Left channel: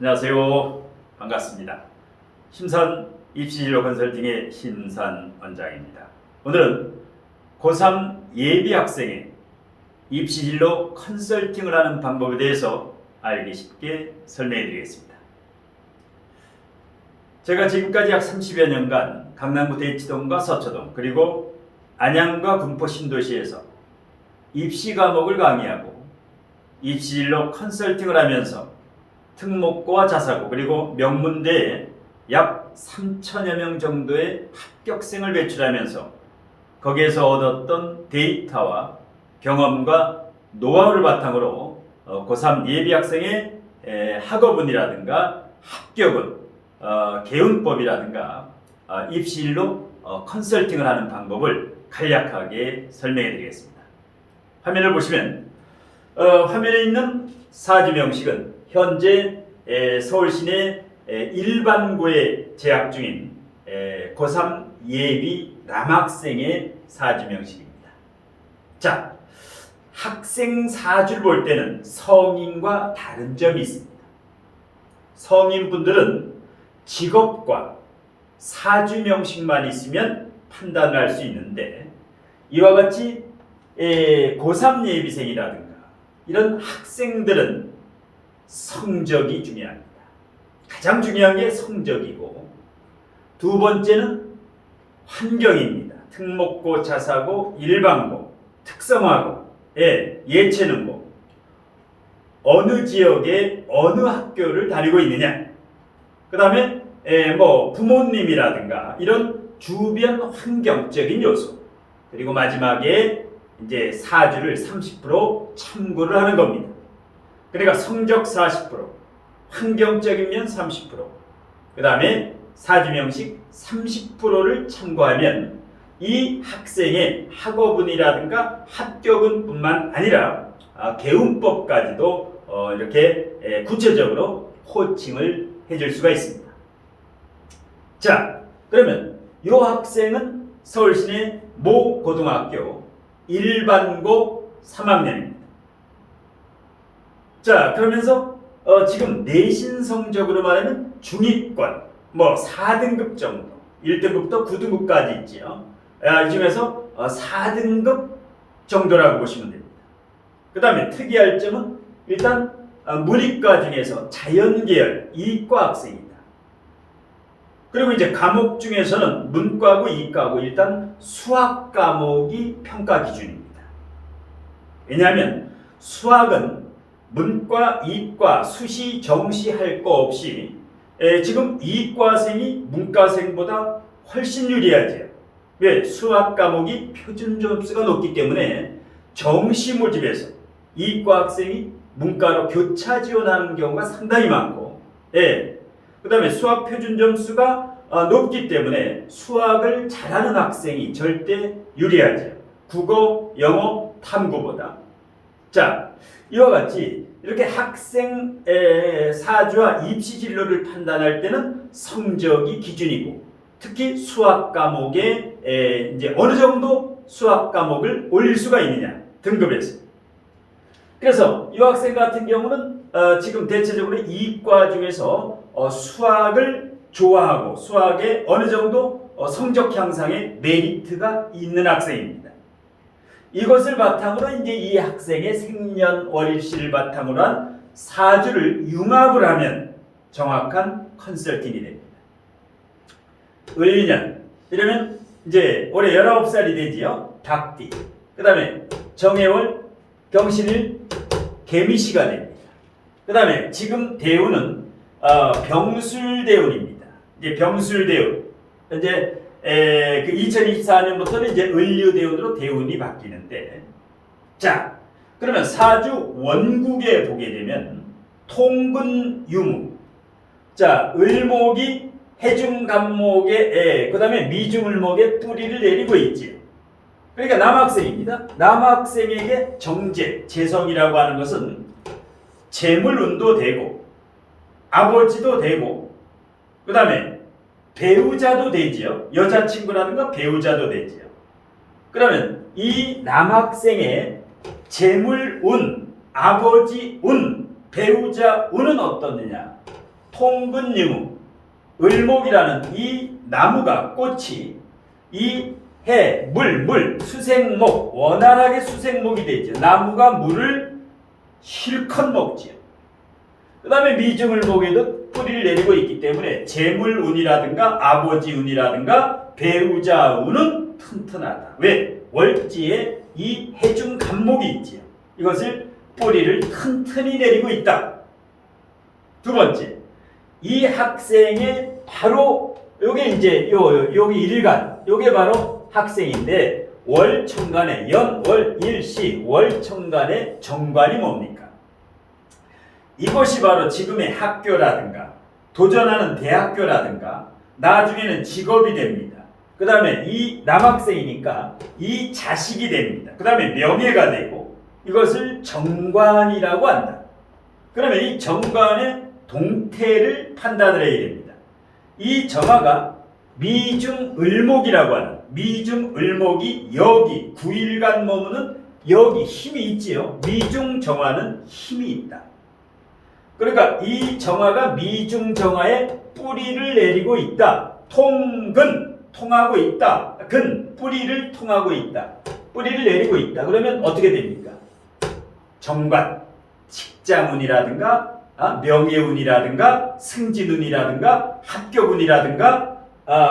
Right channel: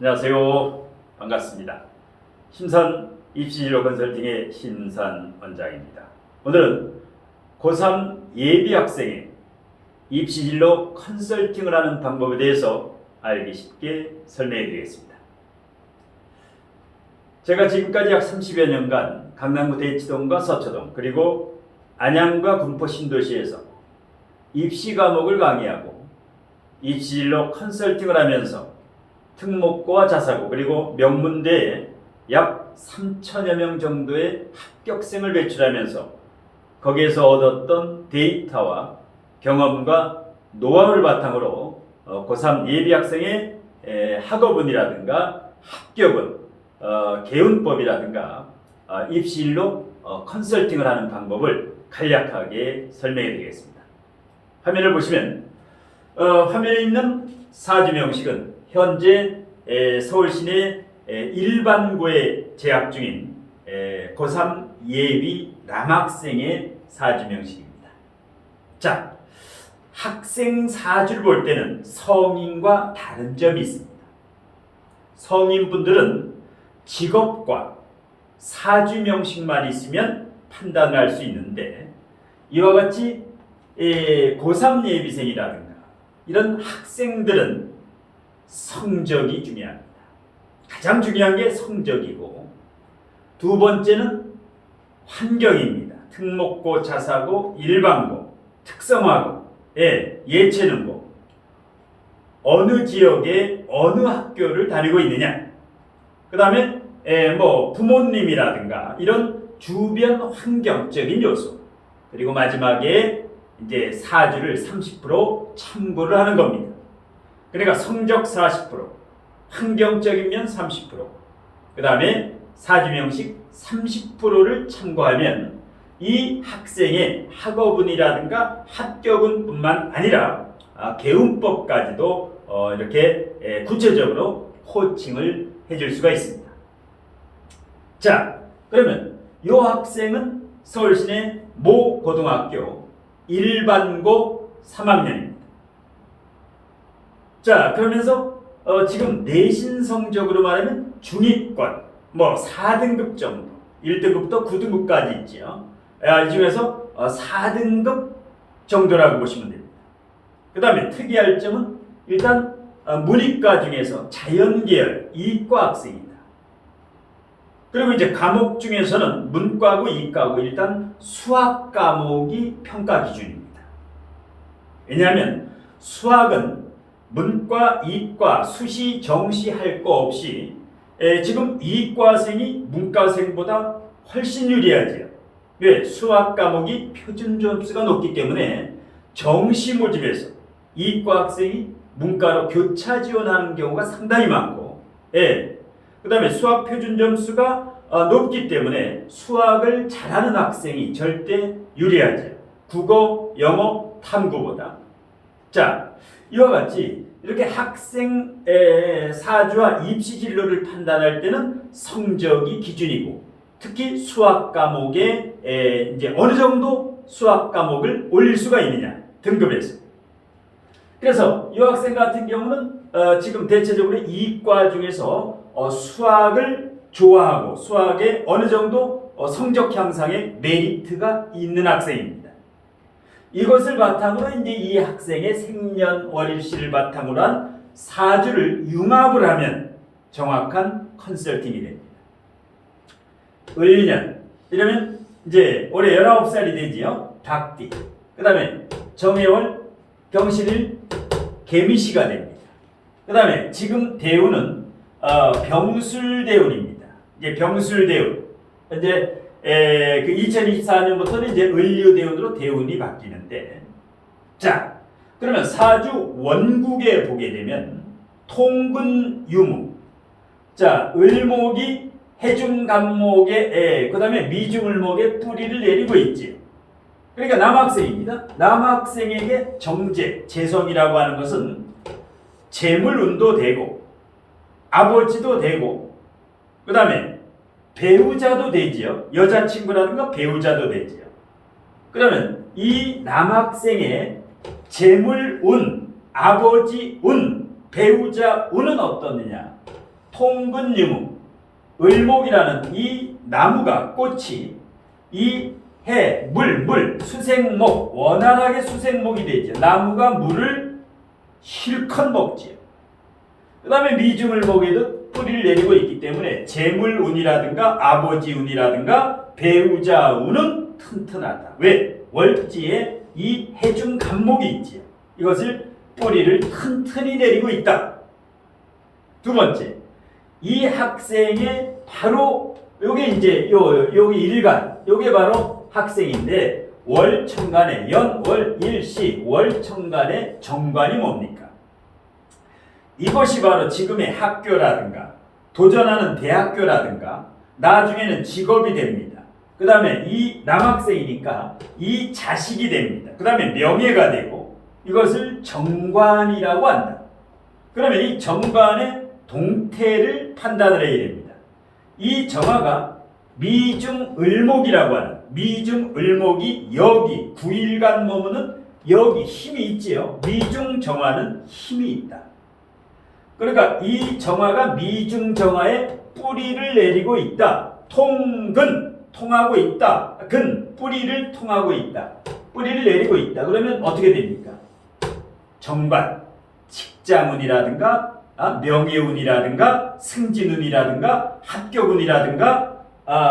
안녕하세요. 반갑습니다. 심산 입시진로 컨설팅의 심산 원장입니다. 오늘은 고3 예비 학생의 입시진로 컨설팅을 하는 방법에 대해서 알기 쉽게 설명해 드리겠습니다. 제가 지금까지 약 30여 년간 강남구 대치동과 서초동 그리고 안양과 군포 신도시에서 입시 과목을 강의하고 입시진로 컨설팅을 하면서 특목고와 자사고 그리고 명문대에 약 3천여 명 정도의 합격생을 배출하면서 거기에서 얻었던 데이터와 경험과 노하우를 바탕으로 고3 예비학생의 학업운이라든가 합격운, 개운법이라든가 입시진로 컨설팅을 하는 방법을 간략하게 설명해 드리겠습니다. 화면을 보시면 화면에 있는 사주 명식은 현재 서울시내 일반고에 재학 중인 고3 예비 남학생의 사주 명식입니다. 자, 학생 사주를 볼 때는 성인과 다른 점이 있습니다. 성인분들은 직업과 사주 명식만 있으면 판단할 수 있는데 이와 같이 고3 예비생이라든가 이런 학생들은 성적이 중요합니다. 가장 중요한 게 성적이고 두 번째는 환경입니다. 특목고, 자사고, 일반고, 특성화고, 예체능고 어느 지역에 어느 학교를 다니고 있느냐 그 다음에 부모님이라든가 이런 주변 환경적인 요소 그리고 마지막에 이제 사주를 30% 참고를 하는 겁니다. 그러니까 성적 40%, 환경적인 면 30%, 그 다음에 사주명식 30%를 참고하면 이 학생의 학업운이라든가 합격운뿐만 아니라 개운법까지도 이렇게 구체적으로 코칭을 해줄 수가 있습니다. 자, 그러면 이 학생은 서울시내 모 고등학교 일반고 3학년입니다. 자, 그러면서 지금 내신 성적으로 말하면 중위권, 4등급 정도, 1등급부터 9등급까지 있지요. 이 중에서 4등급 정도라고 보시면 됩니다. 그 다음에 특이할 점은 일단 문이과 중에서 자연계열 이과 학생입니다. 그리고 이제 과목 중에서는 문과고 이과고 일단 수학 과목이 평가 기준입니다. 왜냐하면 수학은 문과, 이과, 수시, 정시 할 거 없이 지금 이과생이 문과생보다 훨씬 유리하지요. 왜? 수학 과목이 표준 점수가 높기 때문에 정시 모집에서 이과 학생이 문과로 교차 지원하는 경우가 상당히 많고 그 다음에 수학 표준 점수가 높기 때문에 수학을 잘하는 학생이 절대 유리하지요. 국어, 영어, 탐구보다. 자, 이와 같이 이렇게 학생 사주와 입시 진로를 판단할 때는 성적이 기준이고 특히 수학 과목에 이제 어느 정도 수학 과목을 올릴 수가 있느냐 등급에서. 그래서 이 학생 같은 경우는 지금 대체적으로 이과 중에서 수학을 좋아하고 수학에 어느 정도 성적 향상에 메리트가 있는 학생입니다. 이것을 바탕으로 이제 이 학생의 생년월일시를 바탕으로 한 사주를 융합을 하면 정확한 컨설팅이 됩니다. 을년 이러면 이제 올해 19살이 되지요. 닭띠. 그 다음에 정해월 경신일 개미시가 됩니다. 그 다음에 지금 대운은 병술대운입니다. 이제 병술대운. 이제 그 2024년부터는 이제 을류대운으로 대운이 바뀌는데, 자, 그러면 사주 원국에 보게 되면 통근유무, 자, 을목이 해중간목에 그 다음에 미중을목에 뿌리를 내리고 있지. 그러니까 남학생입니다. 남학생에게 정제, 재성이라고 하는 것은 재물운도 되고 아버지도 되고 그 다음에 배우자도 되지요. 여자친구라든가 배우자도 되지요. 그러면 이 남학생의 재물운, 아버지운, 배우자운은 어떻느냐? 통근유무, 을목이라는 이 나무가 꽃이 이 해, 물, 수생목, 원활하게 수생목이 되죠. 나무가 물을 실컷 먹지요. 그 다음에 미중을목에도 뿌리를 내리고 있기 때문에 재물운이라든가 아버지운이라든가 배우자운은 튼튼하다. 왜? 월지에 이 해중 간목이 있지요. 이것을 뿌리를 튼튼히 내리고 있다. 두 번째, 이 학생의 바로 요게 이제 요게 일간, 요게 바로 학생인데 월천간의 연월 일시 월천간의 정관이 뭡니까? 이것이 바로 지금의 학교라든가 도전하는 대학교라든가 나중에는 직업이 됩니다. 그 다음에 이 남학생이니까 이 자식이 됩니다. 그 다음에 명예가 되고 이것을 정관이라고 한다. 그러면 이 정관의 동태를 판단을 해야 됩니다. 이 정화가 미중을목이라고 하는 미중을목이 여기 9일간 머무는 여기 힘이 있지요. 미중정화는 힘이 있다. 그러니까 이 정화가 미중정화에 뿌리를 내리고 있다. 통근 통하고 있다. 근 뿌리를 통하고 있다. 뿌리를 내리고 있다. 그러면 어떻게 됩니까? 정관 직장운이라든가 명예운이라든가 승진운이라든가 합격운이라든가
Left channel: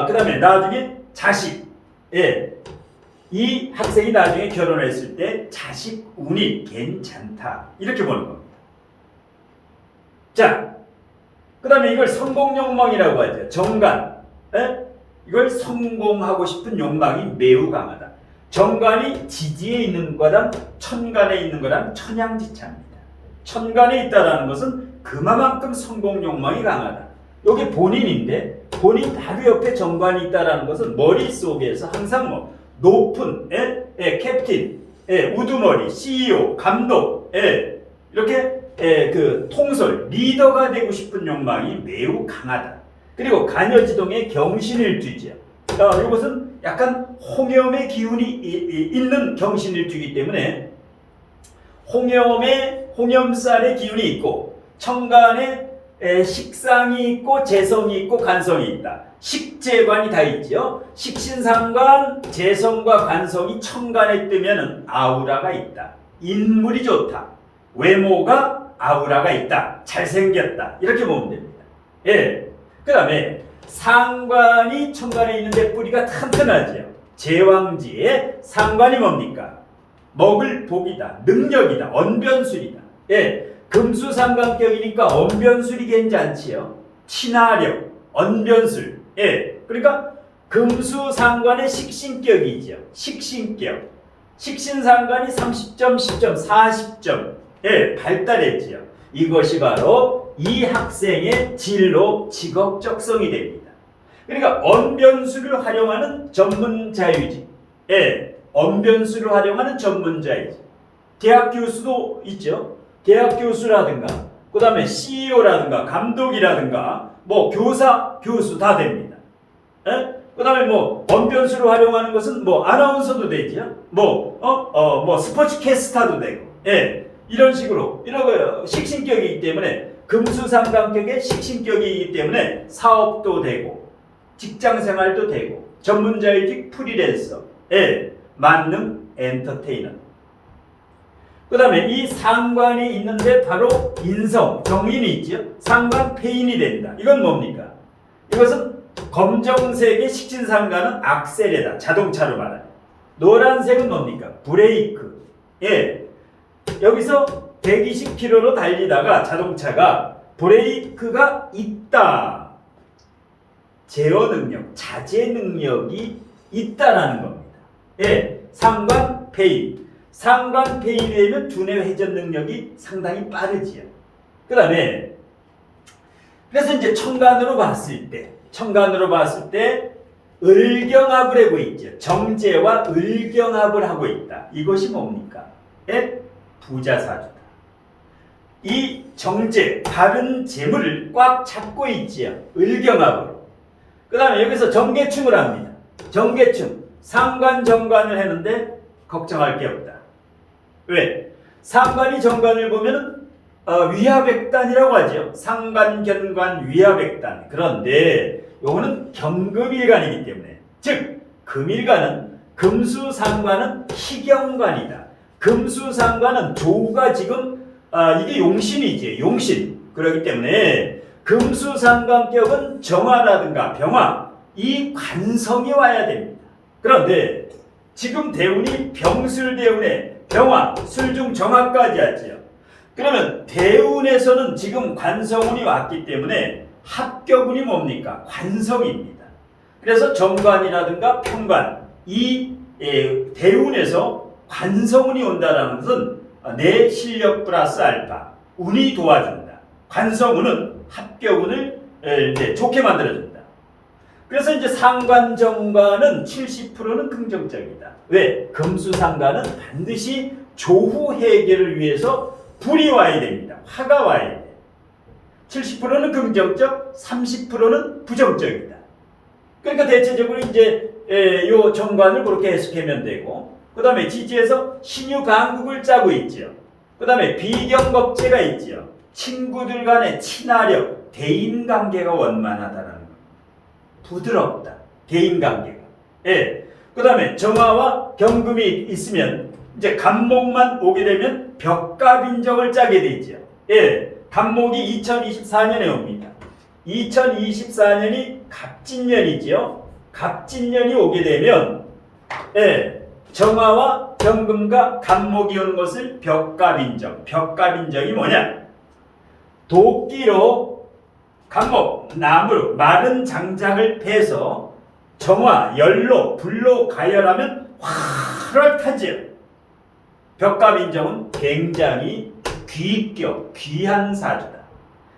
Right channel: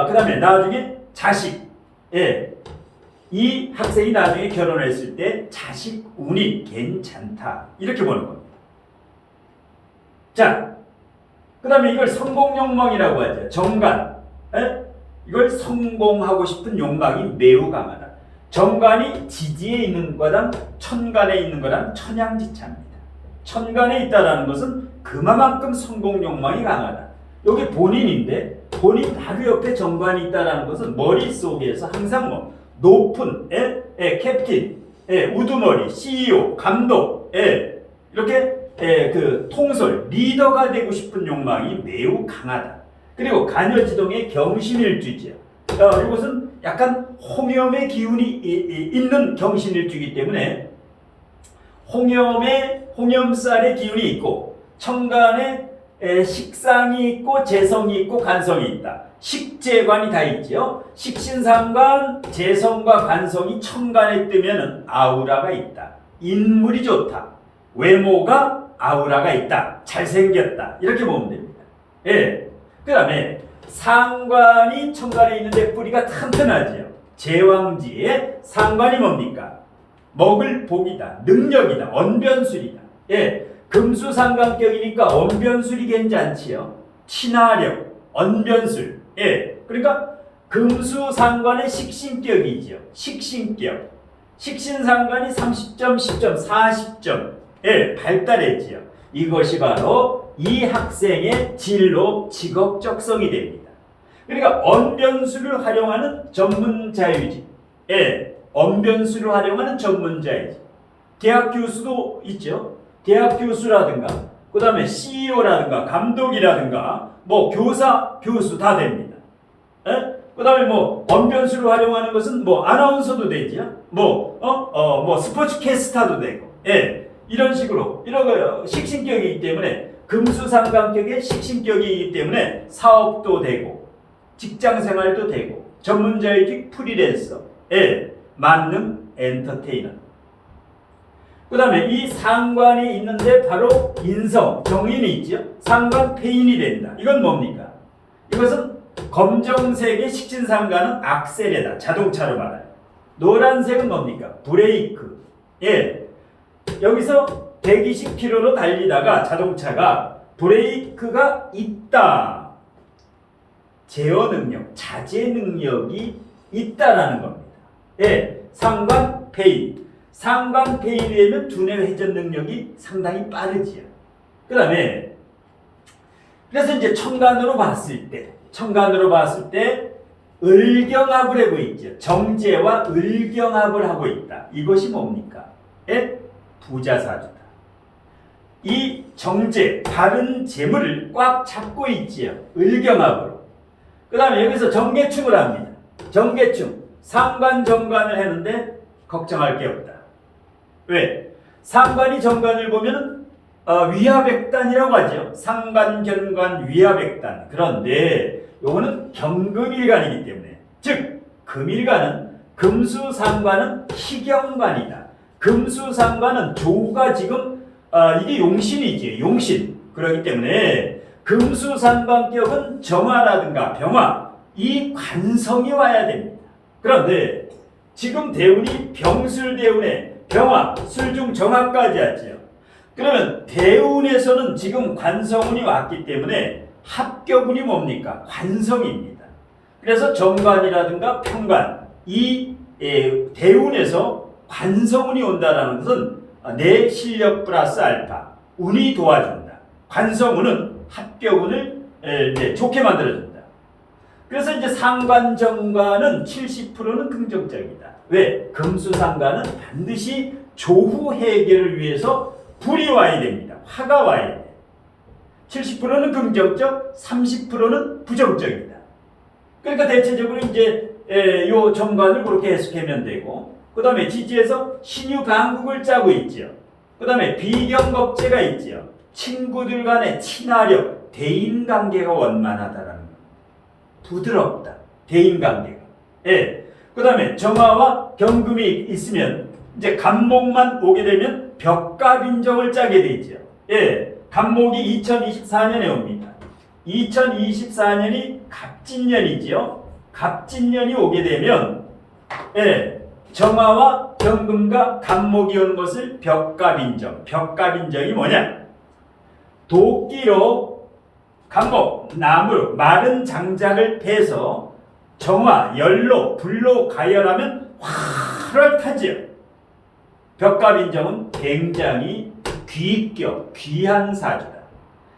그 다음에 나중에 자식 이 학생이 나중에 결혼을 했을 때 자식 운이 괜찮다 이렇게 보는 겁니다. 자, 그 다음에 이걸 성공욕망이라고 하죠. 정관 이걸 성공하고 싶은 욕망이 매우 강하다. 정관이 지지에 있는 거랑 천간에 있는 거랑 천양지차입니다. 천간에 있다라는 것은 그만큼 성공 욕망이 강하다. 여기 본인인데 본인 바로 옆에 정관이 있다라는 것은 머릿속에서 항상 뭐 높은 캡틴, 우두머리, CEO, 감독, 이렇게 그 통솔, 리더가 되고 싶은 욕망이 매우 강하다. 그리고 간여지동의 경신일주지요. 이것은 약간 홍염의 기운이 있는 경신일주이기 때문에 홍염살의 기운이 있고 천간에 식상이 있고 재성이 있고 간성이 있다. 식재관이 다 있지요. 식신상관, 재성과 간성이 천간에 뜨면은 아우라가 있다. 인물이 좋다. 외모가 아우라가 있다. 잘생겼다. 이렇게 보면 됩니다. 그 다음에 상관이 천간에 있는데 뿌리가 튼튼하지요. 제왕지에 상관이 뭡니까? 먹을 복이다. 능력이다. 언변술이다. 금수상관격이니까 언변술이 괜찮지요. 친화력, 언변술. 그러니까 금수상관의 식신격이죠. 식신격. 식신상관이 30점, 10점, 40점 발달했지요. 이것이 바로 이 학생의 진로 직업적성이 됩니다. 그러니까 언변술을 활용하는 전문자유지. 언변술을 활용하는 전문자이지. 대학 교수도 있죠. 대학 교수라든가 그 다음에 CEO라든가 감독이라든가 뭐 교사, 교수 다 됩니다. 그 다음에 뭐 언변술을 활용하는 것은 뭐 아나운서도 되죠. 뭐 스포츠 캐스터도 되고 이런 식으로 이런 식신격이기 때문에 금수상관격의 식신격이기 때문에 사업도 되고 직장생활도 되고 전문자유직 프리랜서 만능 엔터테이너. 그 다음에 이 상관이 있는데 바로 인성, 정인이 있죠. 상관 폐인이 된다. 이건 뭡니까? 이것은 검정색의 식신상관은 악셀이다. 자동차로 말하는. 노란색은 뭡니까? 브레이크. 여기서 120km로 달리다가 자동차가 브레이크가 있다. 제어 능력, 자제 능력이 있다라는 겁니다. 상관 폐인. 상관 폐인이 되면 두뇌 회전 능력이 상당히 빠르지요. 그 다음에 그래서 이제 천간으로 봤을 때 을경합을 하고 있죠. 정제와 을경합을 하고 있다. 이것이 뭡니까? 부자사주다. 이 정제, 바른 재물을 꽉 잡고 있지요. 을경합으로. 그 다음에 여기서 정계충을 합니다. 정계충. 상관 정관을 했는데 걱정할 게 없다. 왜? 상관이 정관을 보면 위하백단이라고 하죠. 상관, 견관, 위하백단. 그런데 요거는 경금일간이기 때문에, 즉 금일간은 금수상관은 희경관이다. 금수상관은 조가 지금 이게 용신이지, 용신. 그렇기 때문에 금수상관격은 정화라든가 병화, 이 관성이 와야 됩니다. 그런데 지금 대운이 병술대운에 병화, 술중 정화까지 하지요. 그러면 대운에서는 지금 관성운이 왔기 때문에 합격운이 뭡니까? 관성입니다. 그래서 정관이라든가 평관, 이 대운에서 관성운이 온다는 것은 내 실력 플러스 알파, 운이 도와준다. 관성운은 합격운을 좋게 만들어준다. 그래서 이제 상관, 정관은 70%는 긍정적이다. 왜? 금수상관은 반드시 조후 해결을 위해서 불이 와야 됩니다. 화가 와야 돼. 70%는 긍정적, 30%는 부정적이다. 그러니까 대체적으로 이제 요 정관을 그렇게 해석하면 되고, 그 다음에 지지에서 신유강국을 짜고 있죠. 그 다음에 비경겁제가 있죠. 친구들 간의 친화력, 대인관계가 원만하다라는 거. 부드럽다. 대인관계가. 예. 그 다음에 정화와 경금이 있으면 이제 간목만 오게 되면 벽갑인정을 짜게 되죠. 예. 간목이 2024년에 옵니다. 2024년이 갑진년이지요. 갑진년이 오게 되면 정화와 경금과 간목이 오는 것을 벽갑인정. 벽갑인정이 뭐냐? 도끼로 간목, 나무로 마른 장작을 패서 정화, 열로, 불로 가열하면 활활타지요. 벽갑인정은 굉장히 귀격, 귀한 사주다.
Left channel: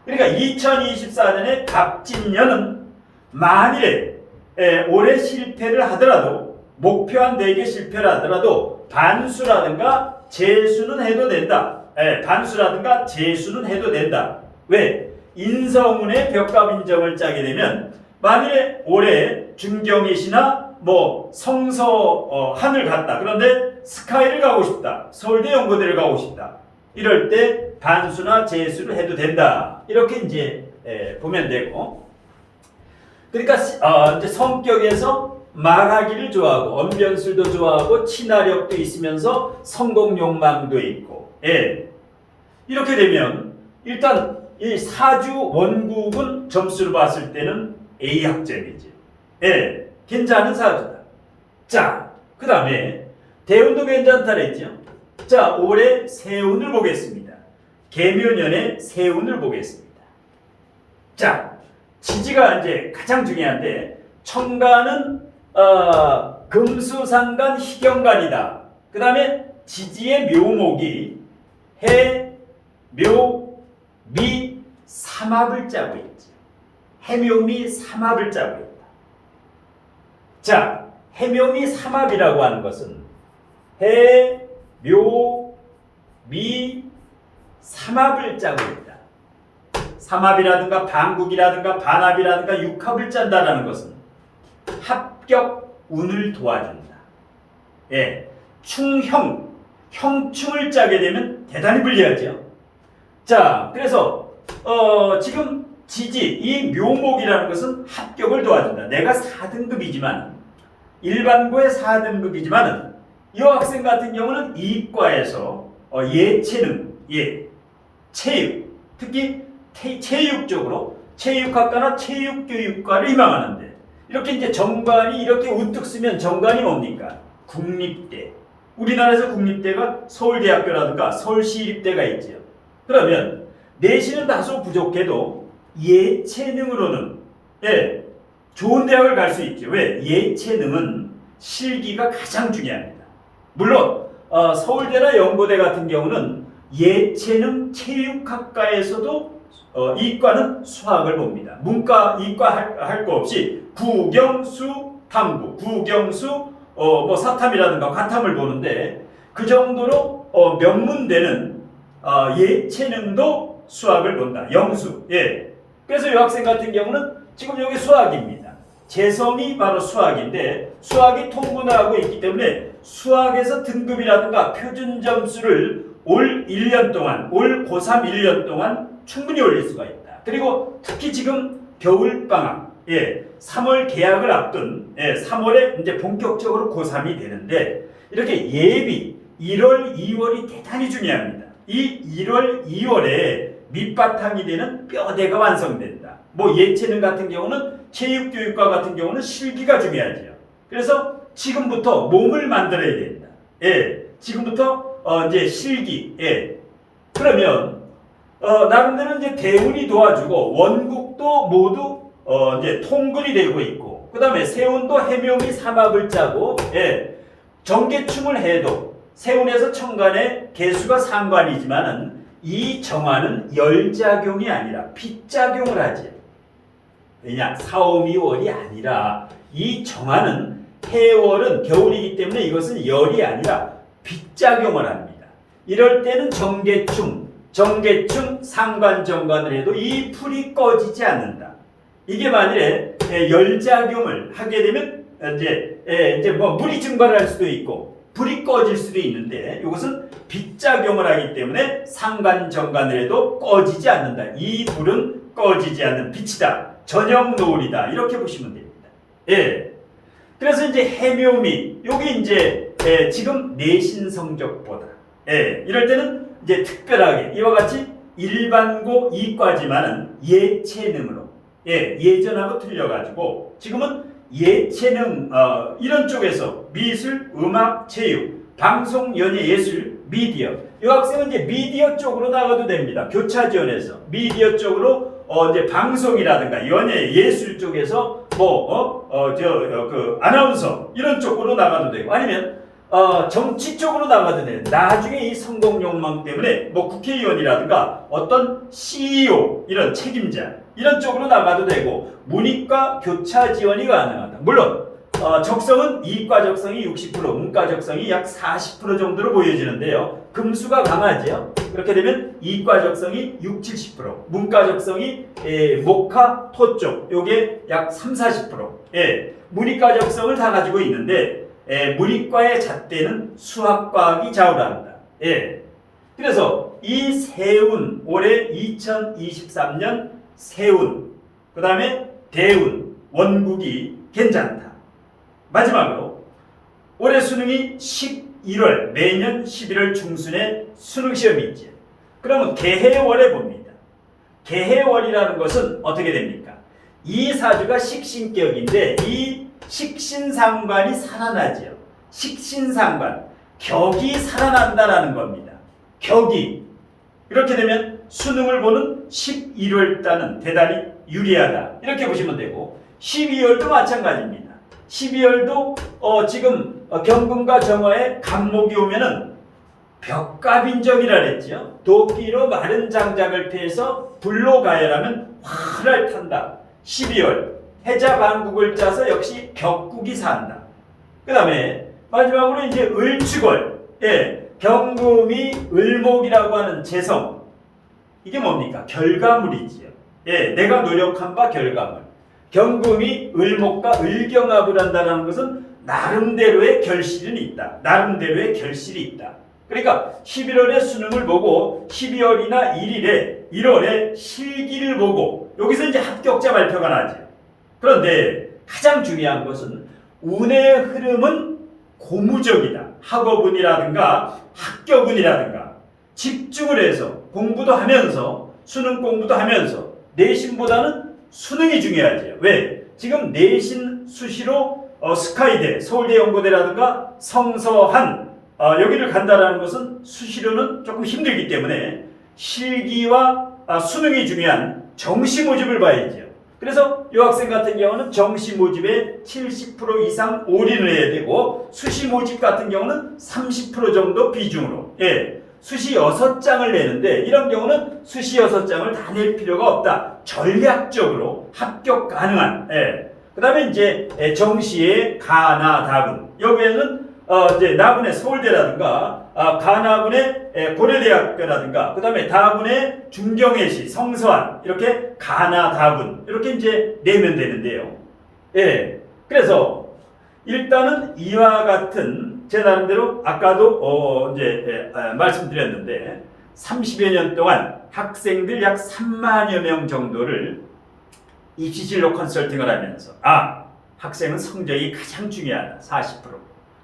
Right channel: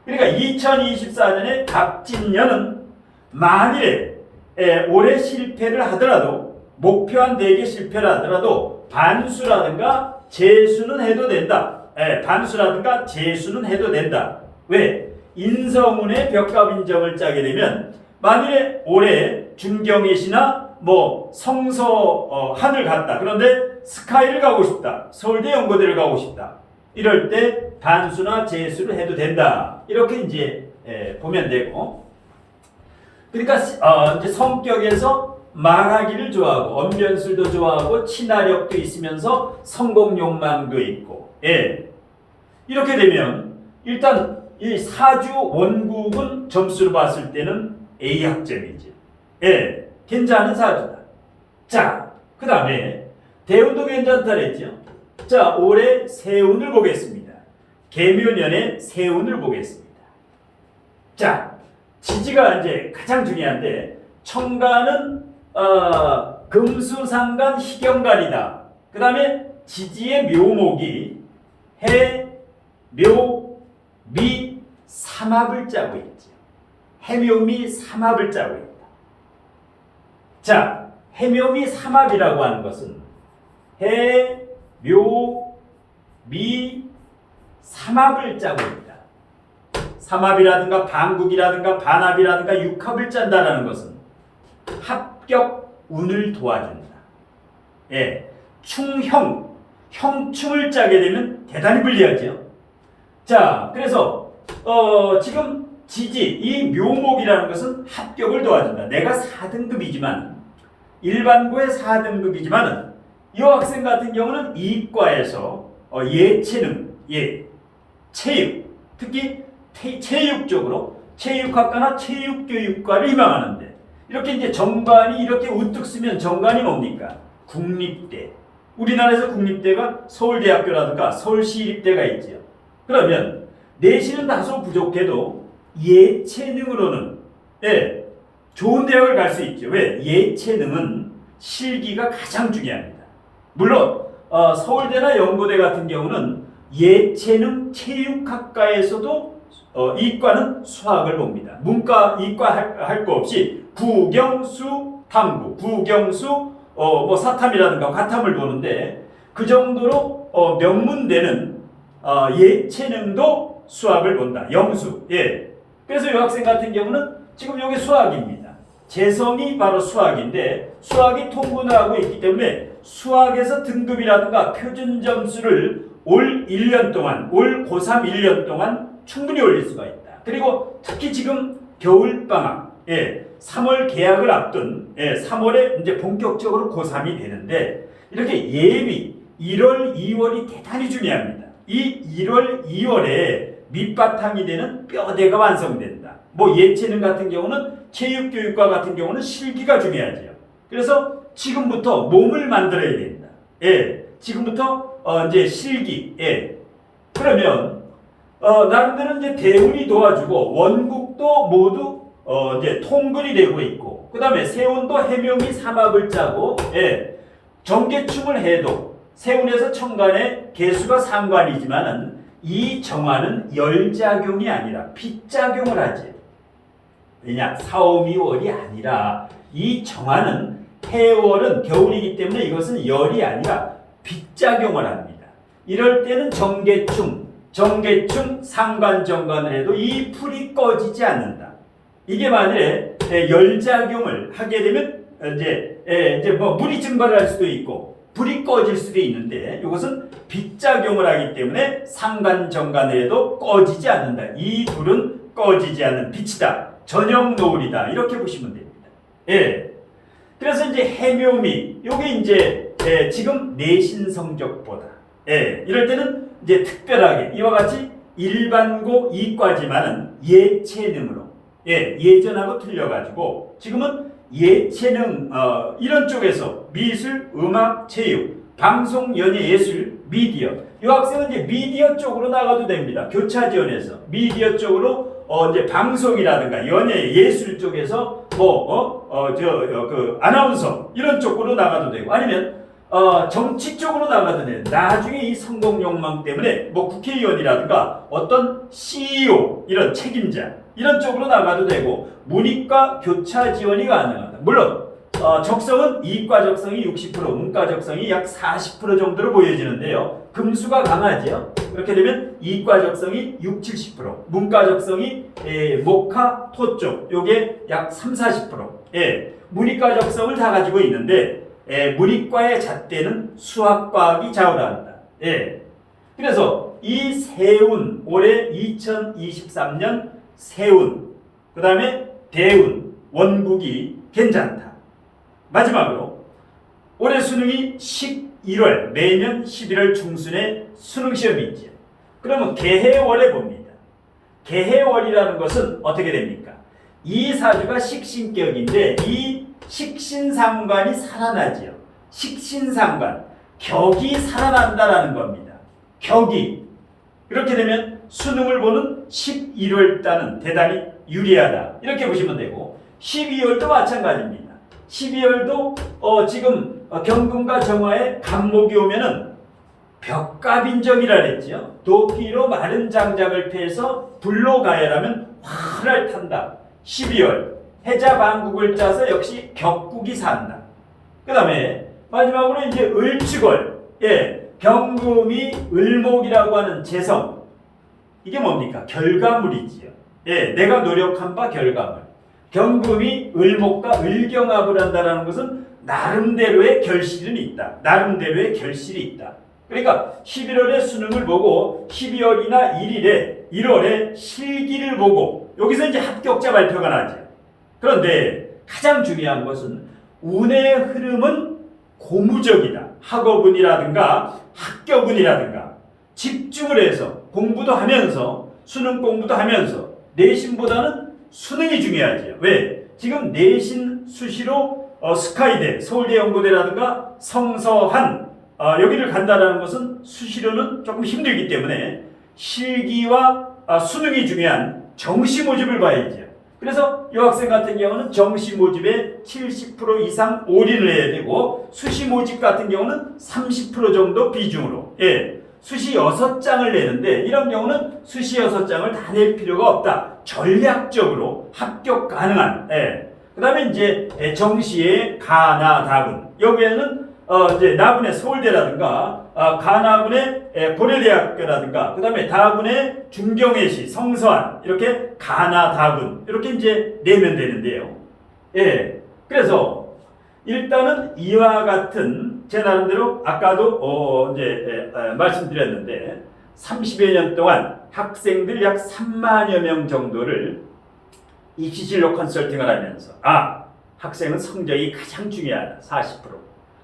그러니까 2024년에 갑진년은 만일에 올해 실패를 하더라도, 목표한 대개 실패를 하더라도 반수라든가 재수는 해도 된다. 반수라든가 재수는 해도 된다. 왜? 인성운의 벽갑인정을 짜게 되면 만일에 올해 중경예시나 뭐 성서 한을 갔다. 그런데 스카이를 가고 싶다. 서울대 연고대를 가고 싶다. 이럴 때 반수나 재수를 해도 된다. 이렇게 이제 보면 되고. 그러니까 이제 성격에서 말하기를 좋아하고 언변술도 좋아하고 친화력도 있으면서 성공 욕망도 있고. 이렇게 되면 일단 이 사주 원국은 점수로 봤을 때는 A 학점이지. 괜찮은 사주다. 자, 그 다음에 대운도 괜찮다 그랬죠. 자, 올해 세운을 보겠습니다. 계묘년에 세운을 보겠습니다. 자, 지지가 이제 가장 중요한데 청간은 금수상간 희경간이다. 그 다음에 지지의 묘목이 해, 묘, 미, 삼합을 짜고 있지. 해묘미 삼합을 짜고 있다. 자, 해묘미 삼합이라고 하는 것은 해, 묘, 미, 삼합을 짜고 있다. 삼합이라든가 반국이라든가 반합이라든가 육합을 짠다라는 것은 합격 운을 도와준다. 충형, 형충을 짜게 되면 대단히 불리하죠. 자, 그래서 지금 지지, 이 묘목이라는 것은 합격을 도와준다. 내가 4등급이지만 일반고의 4등급이지만 이 학생 같은 경우는 이과에서 예체능, 체육, 특히 체육 쪽으로 체육학과나 체육교육과를 희망하는데 이렇게 이제 정관이 이렇게 우뚝 쓰면 정관이 뭡니까? 국립대. 우리나라에서 국립대가 서울대학교라든가 서울시립대가 있죠. 그러면 내신은 다소 부족해도 예체능으로는 좋은 대학을 갈 수 있죠. 왜? 예체능은 실기가 가장 중요합니다. 물론 서울대나 연고대 같은 경우는 예체능 체육학과에서도 이과는 수학을 봅니다. 문과, 이과 할 거 없이 국영수 탐구, 국영수 뭐 사탐이라든가 과탐을 보는데 그 정도로 명문대는 예체능도 수학을 본다. 영수. 그래서 이 학생 같은 경우는 지금 여기 수학입니다. 재성이 바로 수학인데 수학이 통분을 하고 있기 때문에 수학에서 등급이라든가 표준 점수를 올 1년 동안, 올 고3 1년 동안 충분히 올릴 수가 있다. 그리고 특히 지금 겨울방학, 3월 개학을 앞둔 3월에 이제 본격적으로 고3이 되는데 이렇게 예비 1월, 2월이 대단히 중요합니다. 이 1월, 2월에 밑바탕이 되는 뼈대가 완성된다. 뭐 예체능 같은 경우는 체육교육과 같은 경우는 실기가 중요하죠. 그래서 지금부터 몸을 만들어야 된다. 지금부터 이제 실기. 그러면 나름대로 이제 대운이 도와주고 원국도 모두 이제 통근이 되고 있고, 그 다음에 세운도 해묘미 삼합을 짜고, 정계충을 해도 세운에서 천간에 개수가 상관이지만은 이 정화는 열작용이 아니라 빗작용을 하지. 왜냐? 사오미월이 아니라 이 정화는 해월은 겨울이기 때문에 이것은 열이 아니라 빗작용을 합니다. 이럴 때는 정계충, 상관정관을 해도 이 풀이 꺼지지 않는다. 이게 만일에 열작용을 하게 되면 이제 뭐 물이 증발할 수도 있고 불이 꺼질 수도 있는데 이것은 빗작용을 하기 때문에 상관정관을 해도 꺼지지 않는다. 이 불은 꺼지지 않는 빛이다. 저녁 노을이다. 이렇게 보시면 됩니다. 그래서 이제 해묘미, 요게 이제 지금 내신 성적보다 이럴 때는 이제 특별하게 이와 같이 일반고 이과지만은 예체능으로 예전하고 틀려가지고 지금은 예체능 이런 쪽에서 미술, 음악, 체육, 방송, 연예, 예술, 미디어 이 학생은 이제 미디어 쪽으로 나가도 됩니다. 교차 지원에서 미디어 쪽으로 이제 방송이라든가 연예, 예술 쪽에서 그 아나운서 이런 쪽으로 나가도 되고 아니면 정치 쪽으로 나가도 돼요. 나중에 이 성공 욕망 때문에 뭐 국회의원이라든가 어떤 CEO 이런 책임자 이런 쪽으로 나가도 되고 문이과 교차 지원이 가능하다. 물론 적성은 이과 적성이 60%, 문과 적성이 약 40% 정도로 보여지는데요. 금수가 강하죠. 그렇게 되면 이과 적성이 60, 70%, 문과 적성이 목화, 토 쪽 요게 약 3, 40%. 문이과 적성을 다 가지고 있는데 문이과의 잣대는 수학과학이 좌우한다. 그래서 이 세운 올해 2023년 세운 그 다음에 대운 원국이 괜찮다. 마지막으로 올해 수능이 11월 내년 11월 중순에 수능 시험이 있죠. 그러면 개해월에 봅니다. 개해월이라는 것은 어떻게 됩니까? 이 사주가 식신격인데 이 식신상관이 살아나지요. 식신상관, 격이 살아난다라는 겁니다. 격이. 이렇게 되면 수능을 보는 11월 달은 대단히 유리하다. 이렇게 보시면 되고 12월도 마찬가지입니다. 12월도 지금 경금과 정화에 간목이 오면은 벽갑인정이라 그랬죠. 도끼로 마른 장작을 패서 불로 가열하면 활을 탄다. 12월 해자반국을 짜서 역시 격국이 산다. 그 다음에 마지막으로 이제 을축월, 경금이 을목이라고 하는 재성. 이게 뭡니까? 결과물이지요. 내가 노력한 바 결과물. 경금이 을목과 을경합을 한다는 것은 나름대로의 결실은 있다. 나름대로의 결실이 있다. 그러니까 11월에 수능을 보고 12월이나 1월에 실기를 보고 여기서 이제 합격자 발표가 나죠. 그런데 가장 중요한 것은 운의 흐름은 고무적이다. 학업운이라든가 학격운이라든가 집중을 해서 공부도 하면서 수능 공부도 하면서 내신보다는 수능이 중요하죠. 왜? 지금 내신 수시로 스카이대, 서울대 연고대라든가 성서한 여기를 간다라는 것은 수시로는 조금 힘들기 때문에 실기와 수능이 중요한 정시 모집을 봐야죠. 그래서 이 학생 같은 경우는 정시 모집에 70% 이상 올인을 해야 되고 수시 모집 같은 경우는 30% 정도 비중으로 수시 6장을 내는데 이런 경우는 수시 6장을 다 낼 필요가 없다. 전략적으로 합격 가능한 그 다음에 이제 정시의 가나다군 여기에는 이제 나군의 서울대라든가 가나군의 고려대학교라든가 그 다음에 다군의 중경외시 성서한 이렇게 가나다군 이렇게 이제 내면 되는데요. 그래서 일단은 이와 같은 제 나름대로 아까도 말씀드렸는데 30여 년 동안 학생들 약 3만여 명 정도를 입시 진로 컨설팅을 하면서 학생은 성적이 가장 중요하다 40%.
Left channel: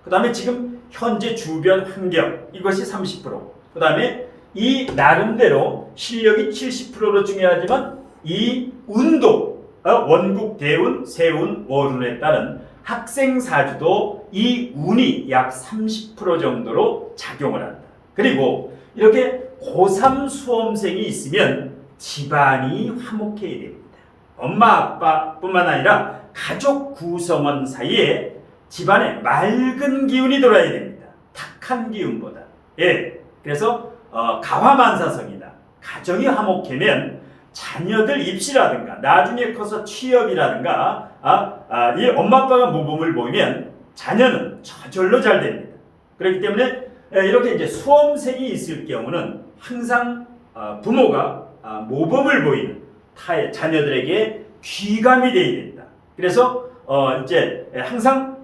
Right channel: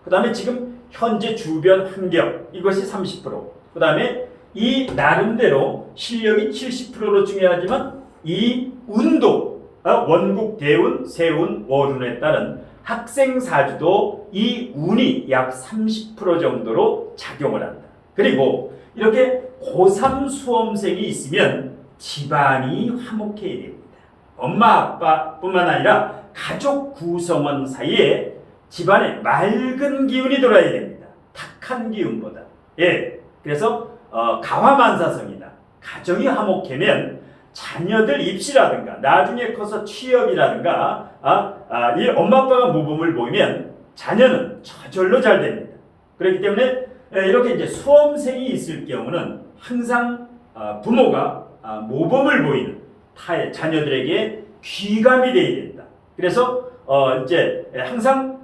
그 다음에 지금 현재 주변 환경 이것이 30%. 그 다음에 이 나름대로 실력이 70%로 중요하지만 이 운도 원국, 대운, 세운, 월운에 따른 학생 사주도 이 운이 약 30% 정도로 작용을 한다. 그리고 이렇게 고3 수험생이 있으면 집안이 화목해야 됩니다. 엄마 아빠뿐만 아니라 가족 구성원 사이에 집안에 맑은 기운이 돌아야 됩니다. 탁한 기운보다. 그래서 가화만사성이다. 가정이 화목하면 자녀들 입시라든가 나중에 커서 취업이라든가 이 엄마 아빠가 모범을 보이면 자녀는 저절로 잘 됩니다. 그렇기 때문에 이렇게 이제 수험생이 있을 경우는 항상 부모가 모범을 보이는 타의 자녀들에게 귀감이 되어야 된다. 그래서 이제 항상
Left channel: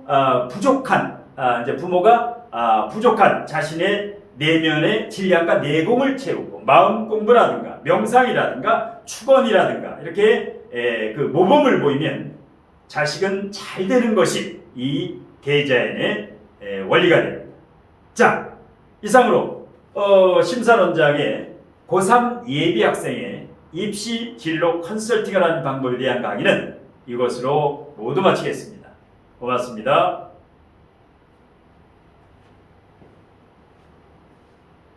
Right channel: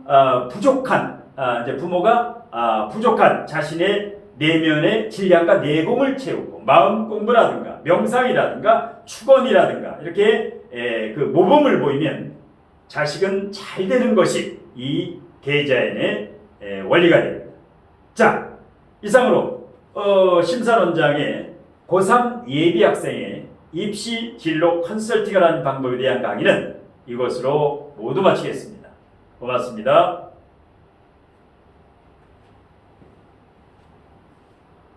부족한 이제 부모가 부족한 자신의 내면의 질량과 내공을 채우고 마음 공부라든가 명상이라든가 축원이라든가 이렇게 그 모범을 보이면 자식은 잘 되는 것이 이 계자연의 원리가 됩니다. 자, 이상으로 심사론장의 고3 예비 학생의 입시 진로 컨설팅을 하는 방법에 대한 강의는 이것으로 모두 마치겠습니다. 고맙습니다.